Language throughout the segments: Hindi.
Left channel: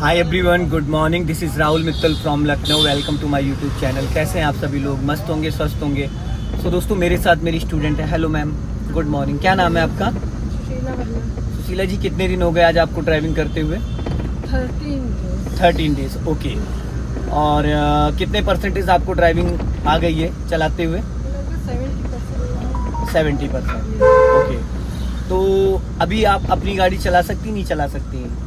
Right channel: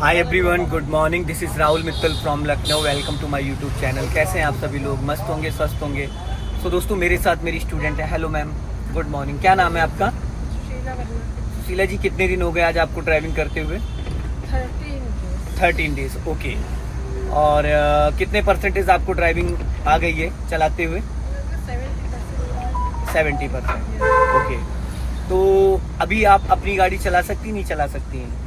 Hi everyone, good morning. This is Rahul Mittal from Lucknow. Welcome to my YouTube channel. कैसे हैं आप सभी लोग? मस्त होंगे, स्वस्थ होंगे। सो दोस्तों, मेरे साथ मेरी स्टूडेंट है। Hello ma'am, good morning. क्या नाम है आपका? सुशीला जी, कितने दिन हो गए आज आपको ड्राइविंग करते हुए? 13 डेज। ओके। और कितने परसेंटेज आपको ड्राइविंग आ गई है चलाते हुए? 70%। ओके। तो अभी आप अपनी गाड़ी चला सकती नहीं चला सकती हैं?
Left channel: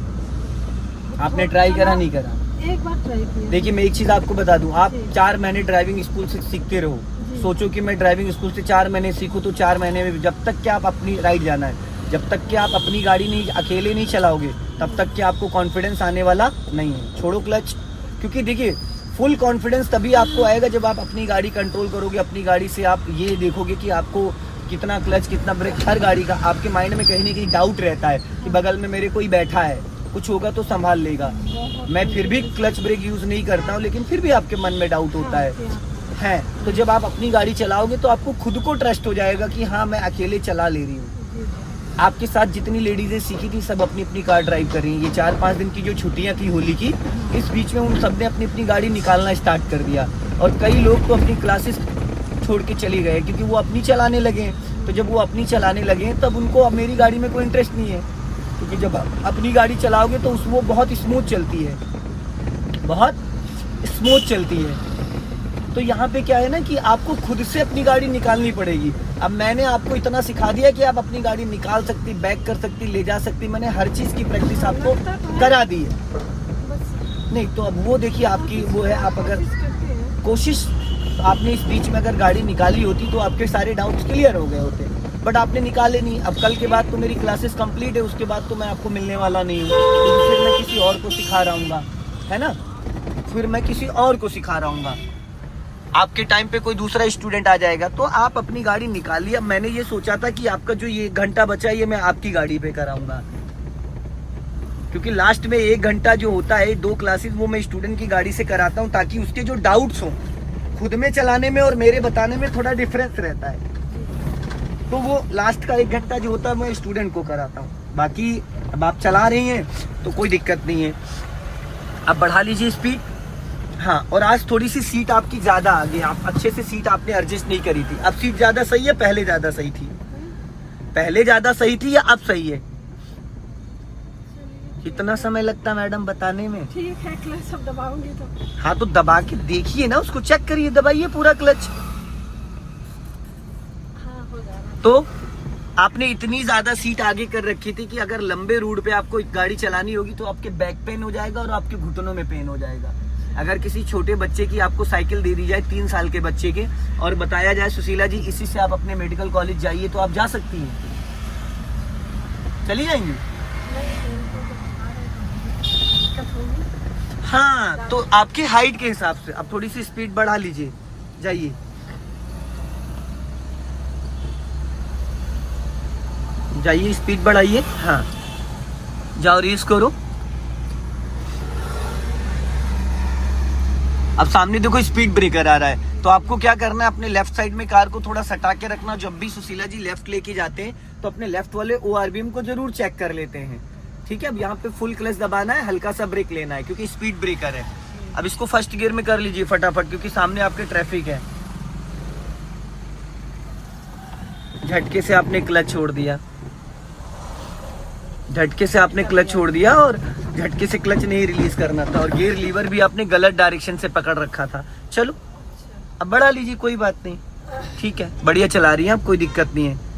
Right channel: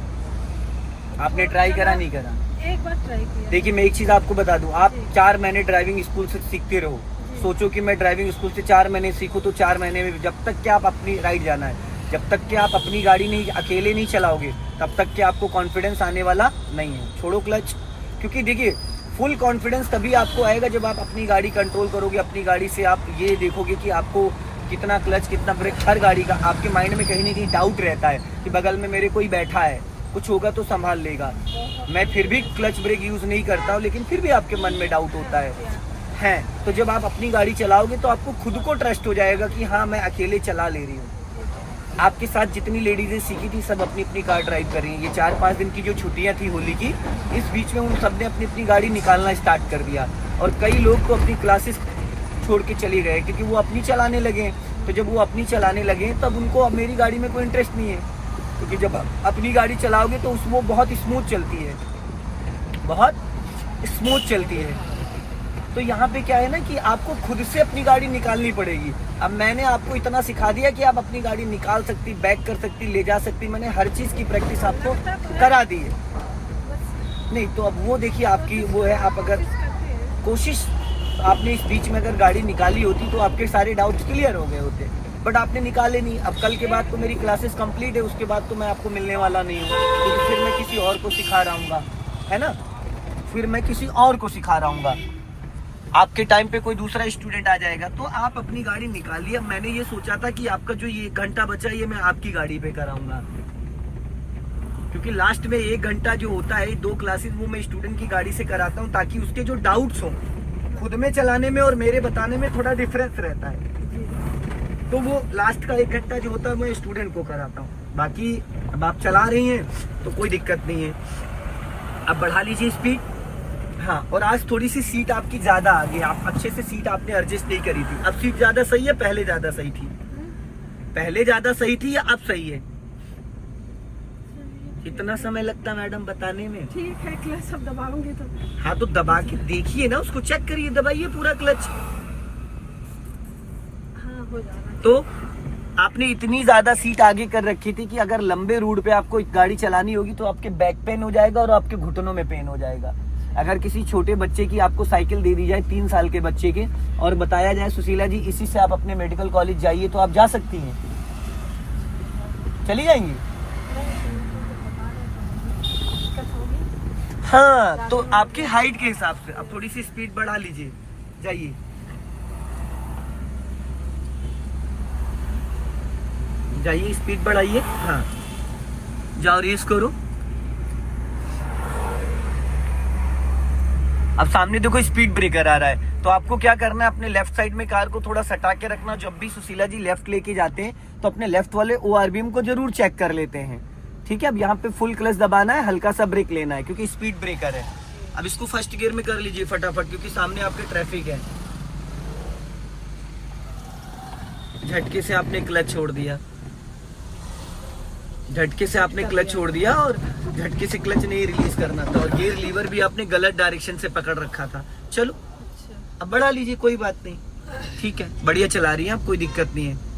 आपने ट्राई करा नहीं करा? एक बार ट्राई किया। देखिए, मैं एक चीज आपको बता दूं, आप 4 महीने ड्राइविंग स्कूल से सीखते रहो। सोचो कि मैं ड्राइविंग स्कूल से 4 महीने सीखूं, तो 4 महीने में जब तक कि आप अपनी राइड जाना है, जब तक कि आप अपनी गाड़ी नहीं अकेले नहीं चलाओगे, तब तक कि आपको कॉन्फिडेंस आने वाला नहीं है। छोड़ो क्लच, क्योंकि देखिए फुल कॉन्फिडेंस तभी आपको आएगा जब आप अपनी गाड़ी कंट्रोल करोगे। अपनी गाड़ी से आप ये देखोगे कि आपको कितना क्लच, कितना ब्रेक। हर गाड़ी का आपके माइंड में कहीं ना कहीं डाउट रहता है कि बगल में मेरे कोई बैठा है, कुछ होगा तो संभाल लेगा। मैं फिर भी क्लच ब्रेक यूज नहीं करता हूँ, लेकिन फिर भी आपके मन में डाउट होता है। तो जब आप अपनी गाड़ी चलाओगे तो आपको खुद को ट्रस्ट हो जाएगा कि हाँ, मैं अकेले चला ले रही हूँ। आपके साथ जितनी लेडीजें सीखी थी, सब अपनी अपनी कार ड्राइव कर रही हैं। ये 4-5 दिन की जो छुट्टियां थी होली की, इस बीच में उन सब ने अपनी अपनी गाड़ी निकालना स्टार्ट कर दिया। और कई लोग तो अपनी क्लासेस छोड़ के चले गए, क्योंकि वो अपनी चलाने लगे। तो जब वो अपनी चलाने लगे, तब उनको अब मेरी गाड़ी में कोई इंटरेस्ट नहीं है, क्योंकि जब अपनी गाड़ी चलाओगे तो वो बहुत स्मूथ चलती है, बहुत स्मूथ चलती है। तो यहाँ पे क्या है ना कि आपको खुद से अपनी गाड़ी निकालनी पड़ेगी। अब मैंने आपको इतना सिखा दिया कि आप अपनी गाड़ी निकाल सकती, बैक कर सकती, ले जा सकती। मैंने हर चीज की प्रैक्टिस आपको करा दी है। नहीं तो अब वो देखिए आपकी वो है, आप अगर कोशिश, आपने इस बीच में अगर गाड़ी निकाली होती तो आपके सारे डाउट्स क्लियर हो गए होते, बट आपने निकाले नहीं। अब कल के बाद तो मेरी क्लासेस कंप्लीट है, उसके बाद तो मैं आपको मिलने वाला नहीं हूँ, तो फिर मैं किसी और को सिखा रहा हूँ, है ना? फिर मैं किसी और को सिखा रहा हूँ। आपके टाइम पे कोई दूसरा स्टूडेंट आ जाएगा। तो आप अपनी गाड़ी निकालिए। अब मैंने ये सोचा था कि आपका जो ये घंटा बचा है, ये मैं आपकी गाड़ी पे कराऊंगा, क्योंकि लास्ट में 1 घंटा जो होता है, 2 क्लासेस, वो मैं स्टूडेंट की गाड़ी से कराता हूँ, ताकि उसके जो डाउट्स हो, खुद में चलाने में और मेरे बताने में थोड़ा डिफरेंस रहता है। तो वो लास्ट का 1 घंटा जो होता है, मैं स्टूडेंट को कराता हूँ। बाकी अब आप चला रही हैं तो कोई दिक्कत नहीं है। अब बढ़ा लीजिए स्पीड। हाँ, और आज थोड़ी सी सीट आपकी ज्यादा आ गई। आप अच्छे से सीट आपने एडजस्ट नहीं करी थी। अब सीट ज्यादा सही है, पहले ज्यादा सही थी? पहले ज्यादा सही थी या अब सही है? कितना समय लगता मैडम बताने में? ठीक है, क्लच अब दबाऊंगी तो। हाँ, तो दबा के देखिए ना, उसको चेक करिए, दबाइए पूरा क्लच। हाँ, हो जाएगा। तो आपने इतनी ज्यादा सीट आगे कर रखी थी कि अगर लंबे रूट पे आपको गाड़ी चलानी होगी तो आपके बैक पेन हो जाएगा और आपके घुटनों में पेन हो जाएगा। अगर किसी छोटे बच्चे की आपको साइकिल दे दी जाए, 3 साल के बच्चे के, और बताया जाए सुशीला जी इसी से आप अपने मेडिकल कॉलेज जाइए, तो आप जा सकती हैं? चली जाएंगी? हाँ, तो आपके हाइट के हिसाब से अब थोड़ी सी स्पीड बढ़ा लीजिए, जाइए। जाइए, स्पीड बढ़ाइए। हाँ, जाओ, रेस करो। अब सामने देखो स्पीड ब्रेकर आ रहा है, तो आपको क्या करना है, अपने लेफ्ट साइड में कार को थोड़ा सटा के रखना। जब भी सुशीला जी लेफ्ट लेके जाते हैं तो अपने लेफ्ट वाले ORBM को जरूर चेक कर लेते हैं। ठीक है, अब यहाँ पे फुल क्लच दबाना है, हल्का सा ब्रेक लेना है, क्योंकि स्पीड ब्रेकर है। अब इसको फर्स्ट गियर में कर लीजिए फटाफट, क्योंकि सामने आपके ट्रैफिक है। झटके से आपने क्लच छोड़ दिया, झटके से आपने क्लच छोड़ दिया, और झटके से क्लच नहीं रिलीज करना था, और गियर लीवर भी आपने गलत डायरेक्शन से पकड़ रखा था। चलो, अब बढ़ा लीजिए, कोई बात नहीं। ठीक है, बढ़िया चला रही हैं आप, कोई दिक्कत नहीं है।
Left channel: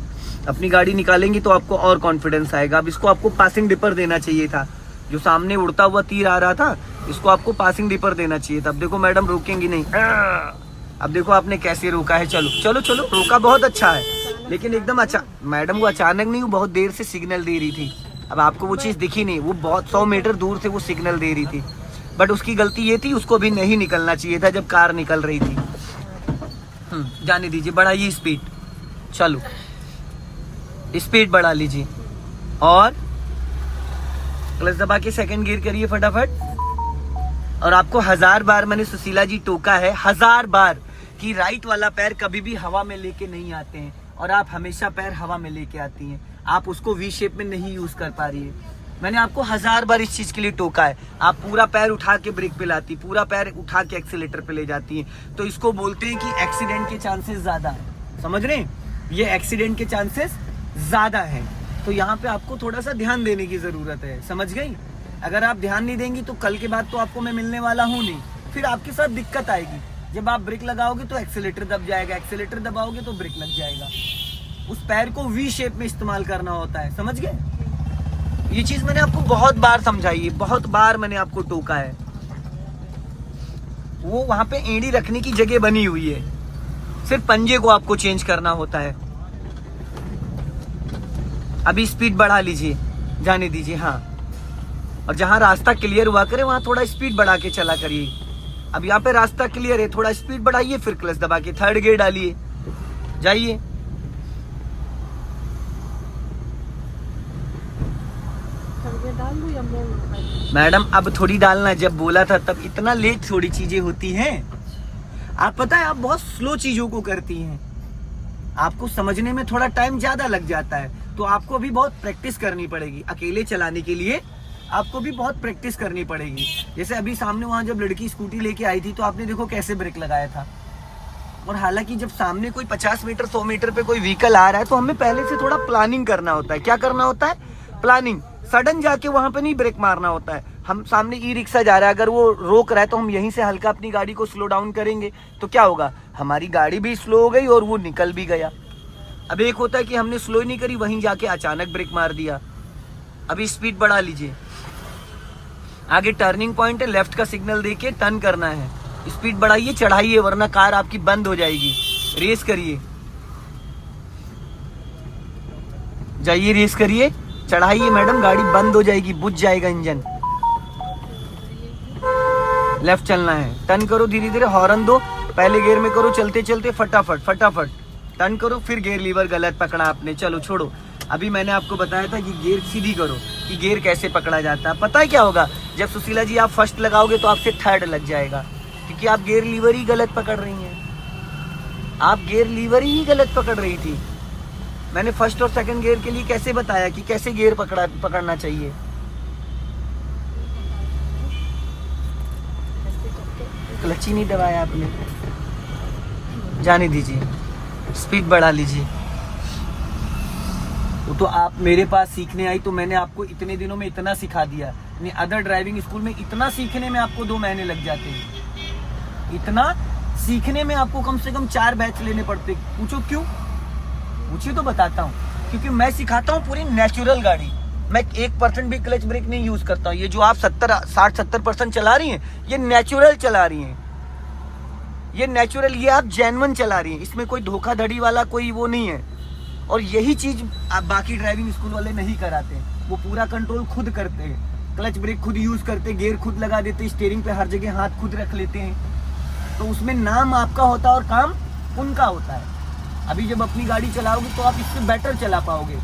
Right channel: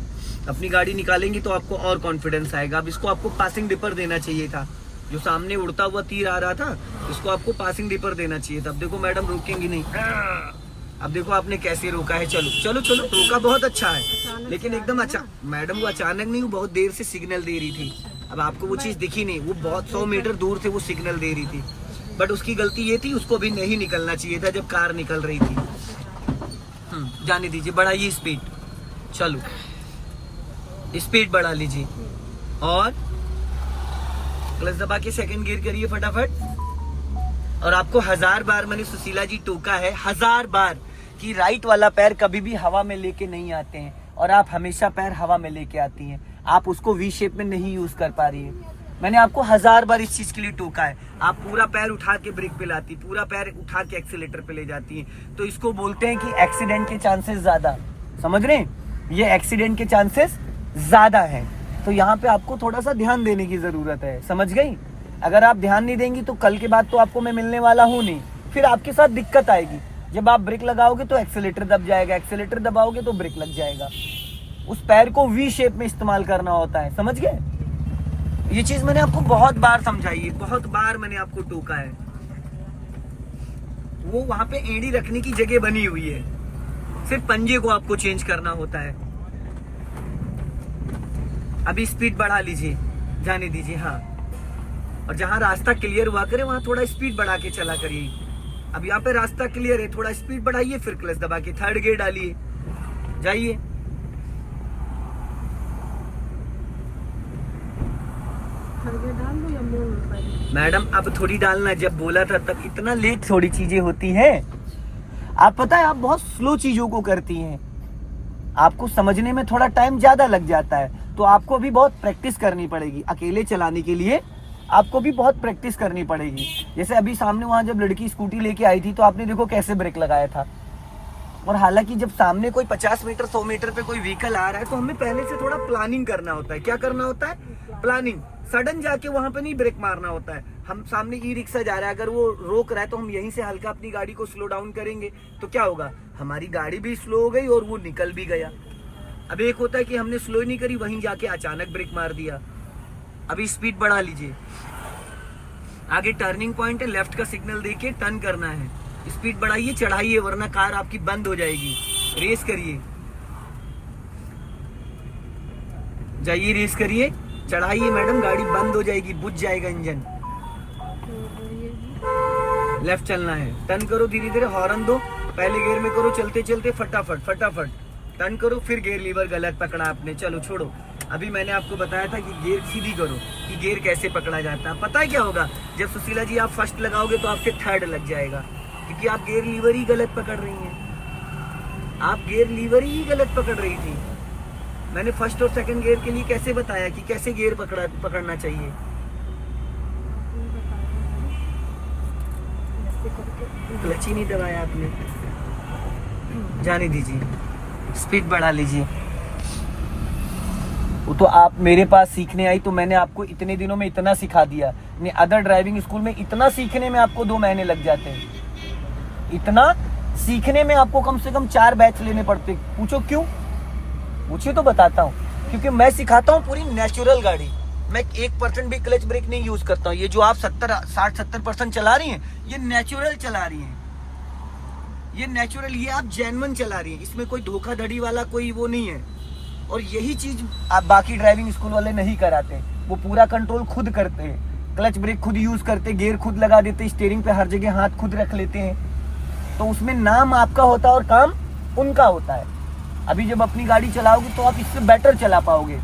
अपनी गाड़ी निकालेंगी तो आपको और कॉन्फिडेंस आएगा। अब इसको आपको पासिंग डिपर देना चाहिए था, जो सामने उड़ता हुआ तीर आ रहा था, इसको आपको पासिंग डिपर देना चाहिए था। अब देखो मैडम रोकेंगी नहीं। अब देखो आपने कैसे रोका है। चलो चलो चलो, रोका बहुत अच्छा है, लेकिन एकदम अच्छा। मैडम वो अचानक नहीं, वो बहुत देर से सिग्नल दे रही थी। अब आपको वो चीज दिखी नहीं, वो बहुत 100 मीटर दूर से वो सिग्नल दे रही थी, बट उसकी गलती ये थी, उसको भी नहीं निकलना चाहिए था जब कार निकल रही थी। जाने दीजिए, बढ़ाइए स्पीड। चलो, स्पीड बढ़ा लीजिए, और क्लच दबा के सेकंड गियर करिए फटाफट। और आपको 1000 बार मैंने सुशीला जी टोका है, 1000 बार, कि राइट वाला पैर कभी भी हवा में लेके नहीं आते हैं, और आप हमेशा पैर हवा में लेके आती हैं। आप उसको वी शेप में नहीं यूज कर पा रही है। मैंने आपको 1000 बार इस चीज के लिए टोका है। आप पूरा पैर उठा के ब्रेक पे लाती, पूरा पैर उठा के एक्सीलेटर पे ले जाती हैं, तो इसको बोलते हैं कि एक्सीडेंट के चांसेस ज्यादा है। समझ रहे हैं, ये एक्सीडेंट के चांसेस ज्यादा हैं। तो यहाँ पे आपको थोड़ा सा ध्यान देने की जरूरत है, समझ गई? अगर आप ध्यान नहीं देंगी तो कल के बाद तो आपको मैं मिलने वाला हूँ नहीं, फिर आपके साथ दिक्कत आएगी। जब आप ब्रेक लगाओगे तो एक्सीलेटर दब जाएगा, एक्सीलेटर दबाओगे तो ब्रेक लग जाएगा। उस पैर को वी शेप में इस्तेमाल करना होता है, समझ गए? ये चीज मैंने आपको बहुत बार समझाई है, बहुत बार मैंने आपको टोका है। वो वहां पे एड़ी रखने की जगह बनी हुई है, सिर्फ पंजे को आपको चेंज करना होता है। अभी स्पीड बढ़ा लीजिए, जाने दीजिए। हाँ, और जहां रास्ता क्लियर हुआ करे वहां थोड़ा स्पीड बढ़ा के चला करिए। अब यहाँ पे रास्ता क्लियर है, थोड़ा स्पीड बढ़ाइए, फिर क्लच दबा के थर्ड गियर डालिए, जाइए। डाल दूं या मोड़ उठाइए? मैडम अब थोड़ी डालना, जब बोला था तब इतना लेट थोड़ी चीजें होती हैं। आप पता है आप बहुत स्लो चीजों को करती हैं, आपको समझने में थोड़ा टाइम ज्यादा लग जाता है, तो आपको भी बहुत प्रैक्टिस करनी पड़ेगी। अकेले चलाने के लिए आपको भी बहुत प्रैक्टिस करनी पड़ेगी। जैसे अभी सामने वहां जब लड़की स्कूटी लेके आई थी तो आपने देखो कैसे ब्रेक लगाया था। और हालांकि जब सामने कोई 50 मीटर 100 मीटर पे कोई व्हीकल आ रहा है तो हमें पहले से थोड़ा प्लानिंग करना होता है। क्या करना होता है? प्लानिंग। सडन जाके वहां पे नहीं ब्रेक मारना होता है। हम सामने ई रिक्शा जा रहा है, अगर वो रोक रहा है तो हम यहीं से हल्का अपनी गाड़ी को स्लो डाउन करेंगे, तो क्या होगा? हमारी गाड़ी भी स्लो हो गई और वो निकल भी गया। अब एक होता है कि हमने स्लो नहीं करी, वहीं जाके अचानक ब्रेक मार दिया। अभी स्पीड बढ़ा लीजिए, आगे टर्निंग पॉइंट है, लेफ्ट का सिग्नल देके टर्न करना है। स्पीड बढ़ाइए, चढ़ाइए, वरना कार आपकी बंद हो जाएगी। रेस करिए, जाइए रेस करिए, चढ़ाइए मैडम, गाड़ी बंद हो जाएगी, बुझ जाएगा इंजन। लेफ्ट चलना है, टर्न करो धीरे धीरे, हॉर्न दो, पहले गियर में करो, चलते चलते फटाफट फटाफट टर्न करो, फिर गियर लीवर गलत पकड़ा आपने, चलो छोड़ो। अभी मैंने आपको बताया था कि गियर सीधी करो, कि गियर कैसे पकड़ा जाता है। पता है क्या होगा? जब सुशीला जी आप फर्स्ट लगाओगे तो आपसे थर्ड लग जाएगा, क्योंकि आप गियर लीवर ही गलत पकड़ रही हैं। आप गियर लीवर ही गलत पकड़ रही थी। मैंने फर्स्ट और सेकंड गियर के लिए कैसे बताया कि कैसे गियर पकड़ना चाहिए। क्लच ही नहीं दबाया आपने, जाने दीजिए, स्पीड बढ़ा लीजिए। वो तो आप मेरे पास सीखने आई तो मैंने आपको इतने दिनों में इतना सिखा दिया। नहीं, अदर ड्राइविंग स्कूल में इतना सीखने में आपको 2 महीने लग जाते हैं। इतना सीखने में आपको कम से कम 4 बैच लेने पड़ते। पूछो क्यों? पूछे तो बताता हूँ। क्योंकि मैं सिखाता हूँ पूरी नेचुरल गाड़ी। मैं 1% भी क्लच ब्रेक नहीं यूज करता हूँ। ये जो आप 60-70% चला रही हैं, ये नेचुरल चला रही हैं। ये नेचुरल, ये आप जेन्युइन चला रही हैं। इसमें कोई धोखाधड़ी वाला कोई वो नहीं है। और यही चीज आप बाकी ड्राइविंग स्कूल वाले नहीं कराते। वो पूरा कंट्रोल खुद करते हैं, क्लच ब्रेक खुद यूज करते, गियर खुद लगा देते, स्टीयरिंग पे हर जगह हाथ खुद रख लेते हैं। तो उसमें नाम आपका होता है और काम उनका होता है। अभी जब अपनी गाड़ी चलाओगे तो आप इससे बेटर चला पाओगे।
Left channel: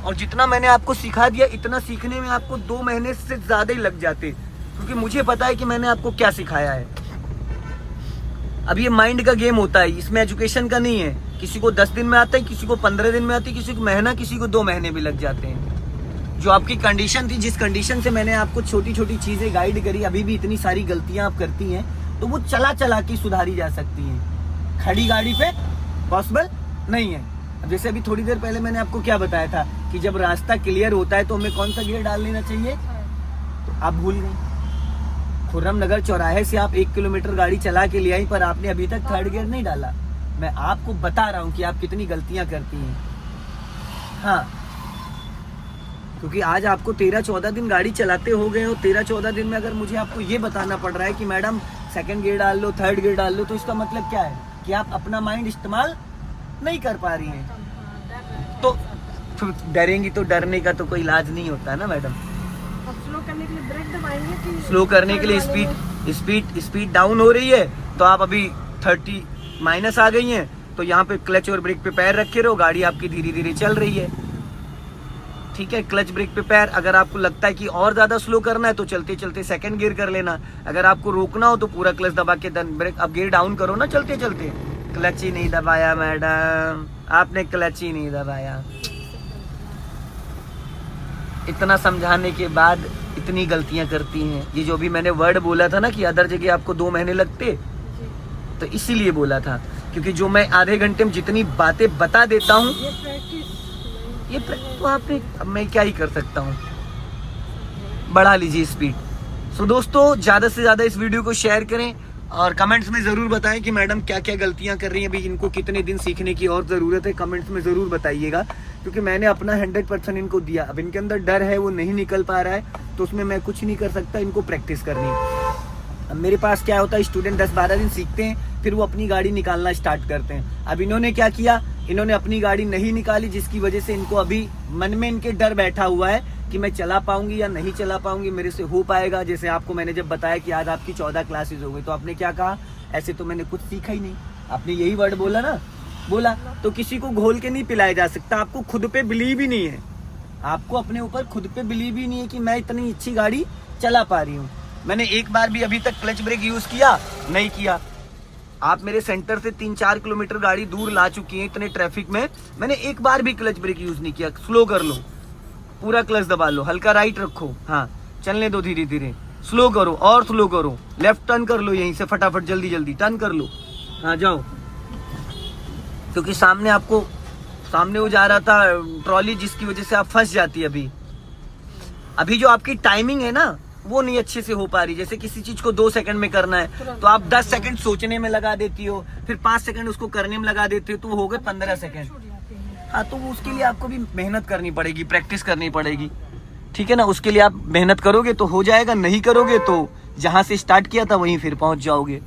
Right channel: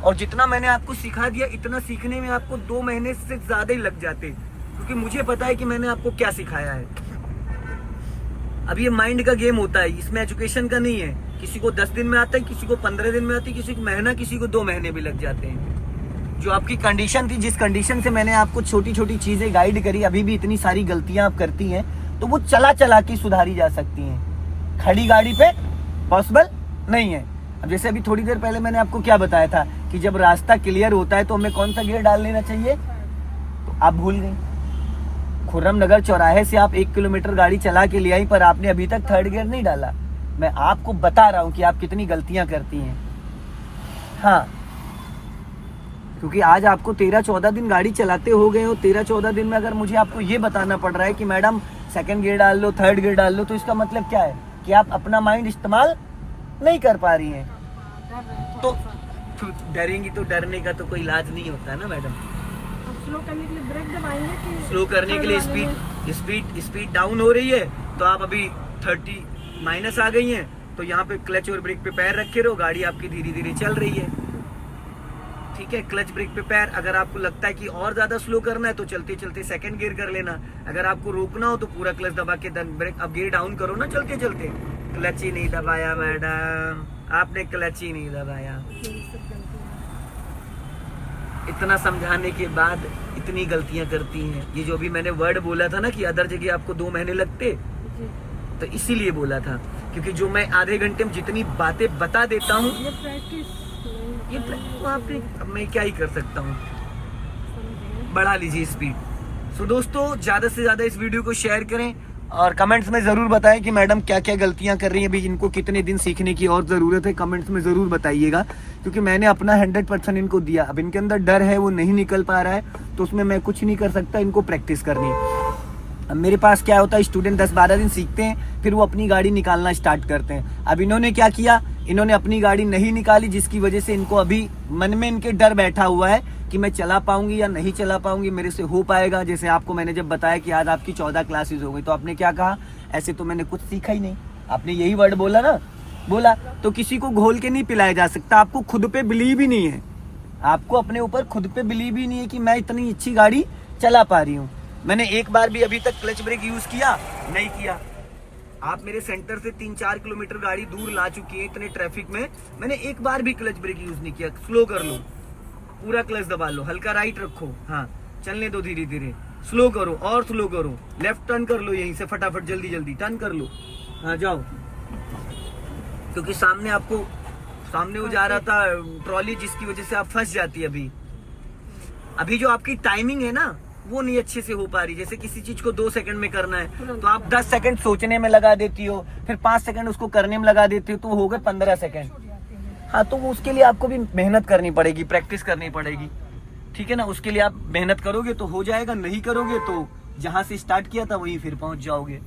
और जितना मैंने आपको सिखा दिया, इतना सीखने में आपको 2 महीने से ज्यादा ही लग जाते, क्योंकि मुझे पता है कि मैंने आपको क्या सिखाया है। अब ये माइंड का गेम होता है, इसमें एजुकेशन का नहीं है। किसी को 10 दिन में आता है, किसी को 15 दिन में आती है, किसी को महीना, किसी को 2 महीने भी लग जाते हैं। जो आपकी कंडीशन थी, जिस कंडीशन से मैंने आपको छोटी छोटी चीजें गाइड करी, अभी भी इतनी सारी गलतियां आप करती हैं, तो वो चला चला के सुधारी जा सकती हैं। खड़ी गाड़ी पे पॉसिबल नहीं है। जैसे अभी थोड़ी देर पहले मैंने आपको क्या बताया था कि जब रास्ता क्लियर होता है तो हमें कौन सा गियर डाल लेना चाहिए, तो आप भूल गई। खुर्रम नगर चौराहे से आप 1 किलोमीटर गाड़ी चला के ले आई, पर आपने अभी तक थर्ड गियर नहीं डाला। मैं आपको बता रहा हूँ कि आप कितनी गलतियां करती हैं। हाँ, क्योंकि आज आपको 13-14 दिन गाड़ी चलाते हो गए हो। 13-14 दिन में अगर मुझे आपको ये बताना पड़ रहा है कि मैडम सेकंड गियर डाल लो, थर्ड गियर डाल लो, तो इसका मतलब क्या है कि आप अपना माइंड इस्तेमाल नहीं कर पा रही हैं। तो डरेंगी तो डरने का तो कोई इलाज नहीं होता है ना मैडम। स्लो करने के लिए ब्रेक दबाएंगे कि स्लो करने के लिए स्पीड डाउन हो रही है, तो आप अभी 30 माइनस आ गई हैं, तो यहाँ पे क्लच और ब्रेक पे पैर रखे रहो, गाड़ी आपकी धीरे धीरे चल रही है। ठीक है, क्लच ब्रेक पे पैर। अगर आपको लगता है कि और ज्यादा स्लो करना है तो चलते चलते सेकंड गियर कर लेना। अगर आपको रोकना हो तो पूरा क्लच दबा के ब्रेक, अब गियर डाउन करो ना चलते चलते। क्लच ही नहीं दबाया मैडम, आपने क्लच ही नहीं दबाया। इतना समझाने के बाद इतनी गलतियां करती हैं। ये जो भी मैंने वर्ड बोला था ना कि अदर जगह आपको 2 महीने लगते, जी तो इसीलिए बोला था, क्योंकि जो मैं आधे घंटे में जितनी बातें बता देता हूँ ये प्रैक्टिस ये वहाँ पे अब मैं क्या ही कर सकता हूँ। बढ़ा लीजिए स्पीड। सो दोस्तों, ज़्यादा से ज़्यादा इस वीडियो को शेयर करें और कमेंट्स में ज़रूर बताएं कि मैडम क्या क्या गलतियां कर रही है, भाई इनको कितने दिन सीखने की और ज़रूरत है, कमेंट्स में ज़रूर बताइएगा, क्योंकि मैंने अपना 100% इनको दिया। अब इनके अंदर डर है, वो नहीं निकल पा रहा है, तो उसमें मैं कुछ नहीं कर सकता, इनको प्रैक्टिस करनी है। अब मेरे पास क्या होता है, स्टूडेंट 10-12 दिन सीखते हैं, फिर वो अपनी गाड़ी निकालना स्टार्ट करते हैं। अब इन्होंने क्या किया, इन्होंने अपनी गाड़ी नहीं निकाली, जिसकी वजह से इनको अभी मन में इनके डर बैठा हुआ है कि मैं चला पाऊंगी या नहीं चला पाऊंगी, मेरे से हो पाएगा। जैसे आपको मैंने जब बताया कि आज आपकी 14 क्लासेस हो गई, तो आपने क्या कहा, ऐसे तो मैंने कुछ सीखा ही नहीं, आपने यही वर्ड बोला ना, बोला। तो किसी को घोल के नहीं पिलाया जा सकता, आपको खुद पे बिलीव ही नहीं है, आपको अपने ऊपर खुद पे बिलीव ही नहीं है कि मैं इतनी अच्छी गाड़ी चला पा रही हूँ। मैंने एक बार भी अभी तक क्लच ब्रेक यूज किया नहीं किया। आप मेरे सेंटर से 3-4 किलोमीटर गाड़ी दूर ला चुकी है, इतने ट्रैफिक में मैंने एक बार भी क्लच ब्रेक यूज नहीं किया। स्लो कर लो, पूरा क्लच दबा लो, हल्का राइट रखो, हाँ चलने दो धीरे धीरे, स्लो करो और स्लो करो, लेफ्ट टर्न कर लो, यहीं से फटाफट जल्दी जल्दी टर्न कर लो, हाँ जाओ। क्योंकि सामने वो जा रहा था ट्रॉली, जिसकी वजह से आप फंस जाती है। अभी जो आपकी टाइमिंग है ना, वो नहीं अच्छे से हो पा रही। जैसे किसी चीज को 2 सेकंड में करना है तो आप 10 सेकंड सोचने में लगा देती हो, फिर 5 सेकंड उसको करने में लगा देती हो, तो हो गए 15 सेकंड। हाँ, तो उसके लिए आपको भी मेहनत करनी पड़ेगी, प्रैक्टिस करनी पड़ेगी, ठीक है ना। उसके लिए आप मेहनत करोगे तो हो जाएगा, नहीं करोगे तो जहां से स्टार्ट किया था वहीं फिर पहुंच जाओगे।